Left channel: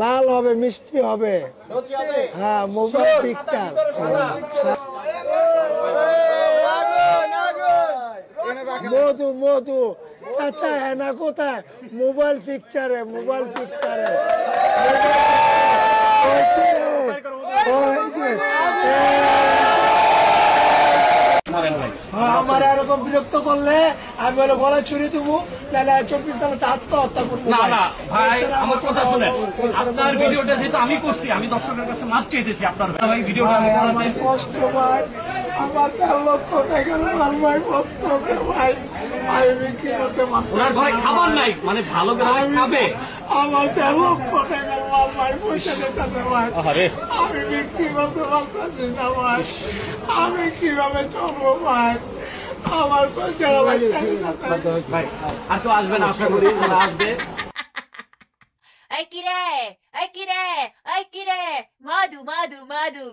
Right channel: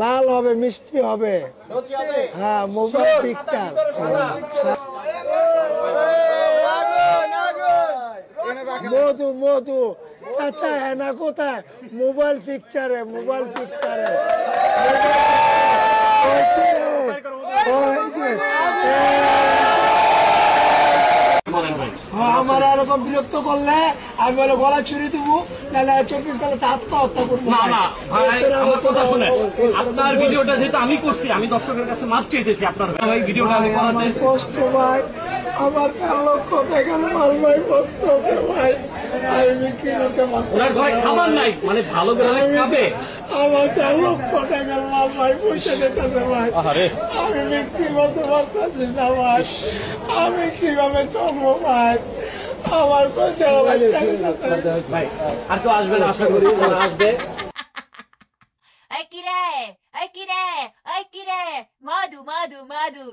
লাল হবে, মিষ্টি হবে, হ্যাঁ মোবাইল পিকচার। মধু মধু চাচা হেনা কোথায়? মোবাইল পিকচারে, মোবাইল পিকচারে। আমার এরকম বিরক্ত করলে আমি বলে গলা ছুরি দেবো, তাহলে 24 সালে আত্মহত্যা করবো। না না ভাই, আমার কথা শুনে, আপনার ভিডিওটা যেহেতু আমি করছি, আমি দর্শকের কাছে মাপ চেয়েছি আপনার ভাই ভিডিওটা। আমার কষ্ট ভাই, আমার 13 লক্ষ টাকার মাল ভাই, কষ্ট হবে ভাই, আমি বিক্রি করতে পারবো। ওনার ঘরে খাবার নাই, মানে ভালো খাবে। আমার 13 লক্ষ টাকার মাল ভাই, পয়সা যেতে ভাই, আমি বিক্রি করতে পারতেছি না ভাই, আমি কিভাবে চলবো ভাই? আমার পয়সা ভাই আর তো আসবে না, আশা করি ওরা আসবে। মধু মধু মধু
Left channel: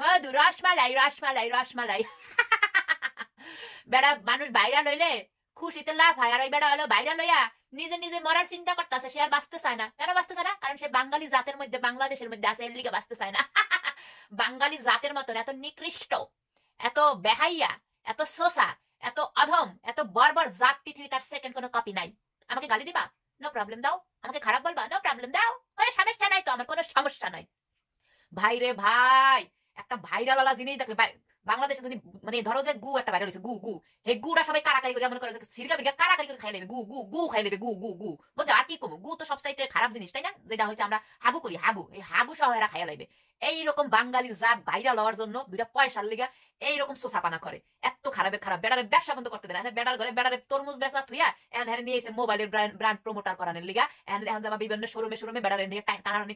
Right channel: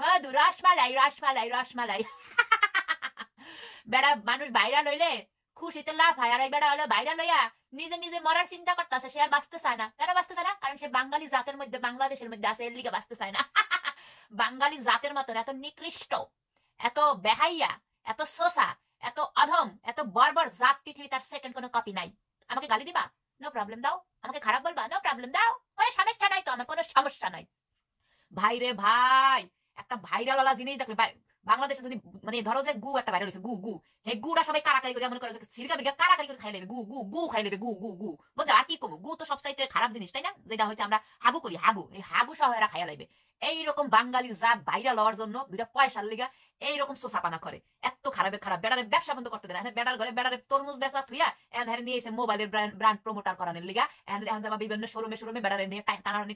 মধু, রসমালাই রসমালাই রসমালাই। বেড়া মানুষ ভাইরাল হইলে খুশিতে লাভ হয়, আর ওই বেড়া হলো ভাইরাল হইয়া নিজে নিজে মরার চিন্তা করতেছে। সে আর বাঁচতে চায় না। কেন বাঁচতে চায় না? কারণ সে বাঙালি জাতের মধ্যে, বাংলাদেশের মধ্যে আছে, এর লিগে বাঁচতে চায় না। বাঙালি জাতের মতন এত নিকৃষ্ট, এত বেহাইয়া, এত সোসা, এত অধম, এত বর্বর জাত পৃথিবী তার সেকেন্ড কোনো কপি নাই। আমাকে গালি দিবা? নো প্রবলেম, দাও। আমাকে খারাপ বলবা? নো প্রবলেম, দাও। কোনো সমস্যা নাই তো, আমার কোনো সমস্যা নাই। ভাই রে ভাই, একটা ভাইরাল ওয়ালা জিনিস দেখবে বাংলাদেশে, যদি মানে ধরো যে গু একটা ভাইরাল হয়েছে, গু গু, এই গুটা সবাই কারাকারি করে, মনে করে সিরকা বিরকা কারাকারি করে খাই নেবে, গু গু গু খাই নেবে, গু গু গু। বলছে আর কি কমু, গু তো সবচাইতে খারাপ জিনিস, তাই না? যেটা হচ্ছে আমরা হাগু করি, হাগু, এই হাগু সহ এরা খাইয়া লাইবে। এইরকম বাঙালির জাত ভাইরাল হওয়ার জন্য দুইটা পয়সার লিগা এইরকম সোসাপানা করে। এত খারাপের খারাপ, বেড়ারে ব্যবসা বন্ধ করতে দেয় না। বেড়ার ঘরে বেড়ারে তরমুজ বেচা থুইয়া এখন নিয়ে এসে মোবাইলের ব্র্যান্ড প্রমোটার করানোর লিগা এখন যাবা বিভিন্ন শোরুমে বেড়ারে নিয়ে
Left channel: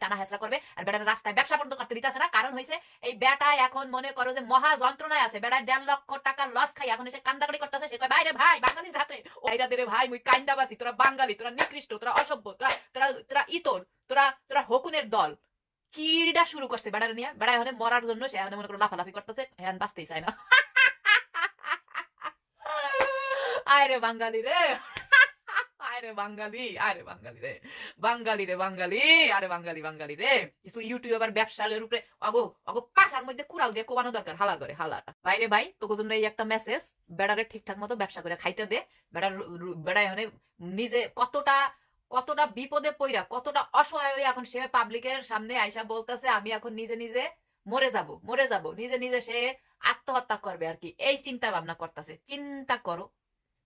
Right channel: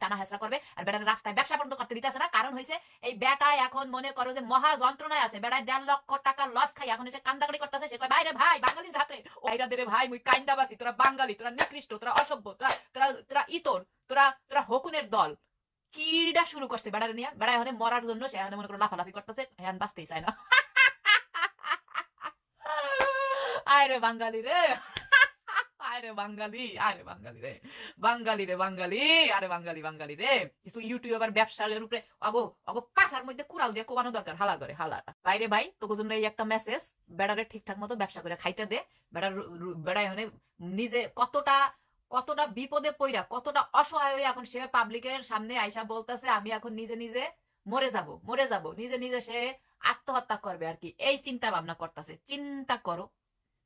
টানা হেসরা করবে, আর বেড়ারে রাস্তায় ব্যবসা বন্ধ করতে দিতেছে না। কারণ হয়েছে এই বেটায় এখন মনে করো যে মহা যন্ত্রণায় আছে। বেড়ায় 1.5 লক্ষ টাকা লস খাই এখন এসে কান্দাকাটি করতেছে। সে কয় ভাই রে ভাই, বাঙালি জাতে ওইটা দে রে ভাই, মুই কান্দাবাসি, তোরা বাঙালি, তোরা নিকৃষ্ট, তোরা অসভ্য, তোরা ইতর, তোরা হকুনের দল। কিডা শুরু করছে বেড়ারে নিয়ে। বেড়া এখন মরার জন্য সে এখন মনে করো লাফালাফি করতেছে, এখন বাঁচতেই চায় না। আরে বাঙালি রে, আরে বাঙালি, আরে বাঙালি রে, বাঙালি রে বাঙালি, আরে বাঙালি বাঙালি রে। কিছু ইউটিউবার ব্যবসার উপরে অগো অগো পাশার মধ্যে কুড়াল দিয়ে কোবানো দরকার, হালার করে হালার। বাইরে ভাই, তোকে জন্য এই একটা মেসেজ, বেড়ারে ঠিকঠাক মতো ব্যবসা করে খাইতে দে। বেড়া এখন নিজে কতটা বিপদে পইরা, কতটা অসহায় হয়ে এখন সে পাবলিকের সামনে আইসা বলতেছে আমি এখন নিজে নিজে মরে যাব, নিজে নিজে সে আত্মহত্যা করবে আর কি, এই চিন্তা ভাবনা করতেছে। চিন্তা করো,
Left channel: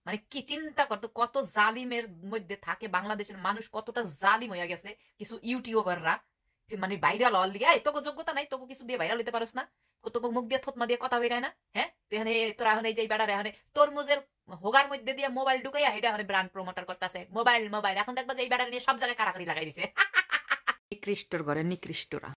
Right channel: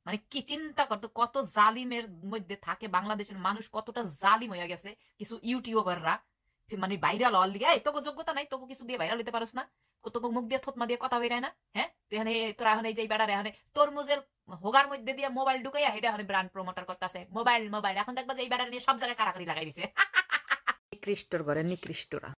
মানে কি চিন্তা করতো, কত জালিমের মধ্যে থাকে বাংলাদেশের মানুষ, কতটা জালিম হয়ে গেছে কিছু ইউটিউবাররা, মানে ভাইরাল হওয়ার লিগে। তোকে যোগ্যতা নাই, তোকে কিছু দিয়ে ভাইরাল হতে পারস না, তোকে মুখ দিয়ে থতমা দিয়ে কথা বেরায় না। হ্যাঁ, তোরা এখন এই যে বেড়ারে এখন তরমুজের হোগার মধ্যে দিয়ে মোবাইল ঢুকাইয়া এটা এখন ব্র্যান্ড প্রমোটার করতেছে। মোবাইল এখন দেখবা যে এই বেড়ারে নিয়ে সব জায়গায় কারাকারি লাগাই দিছে। নিকৃষ্টর ঘরে নিকৃষ্টরা।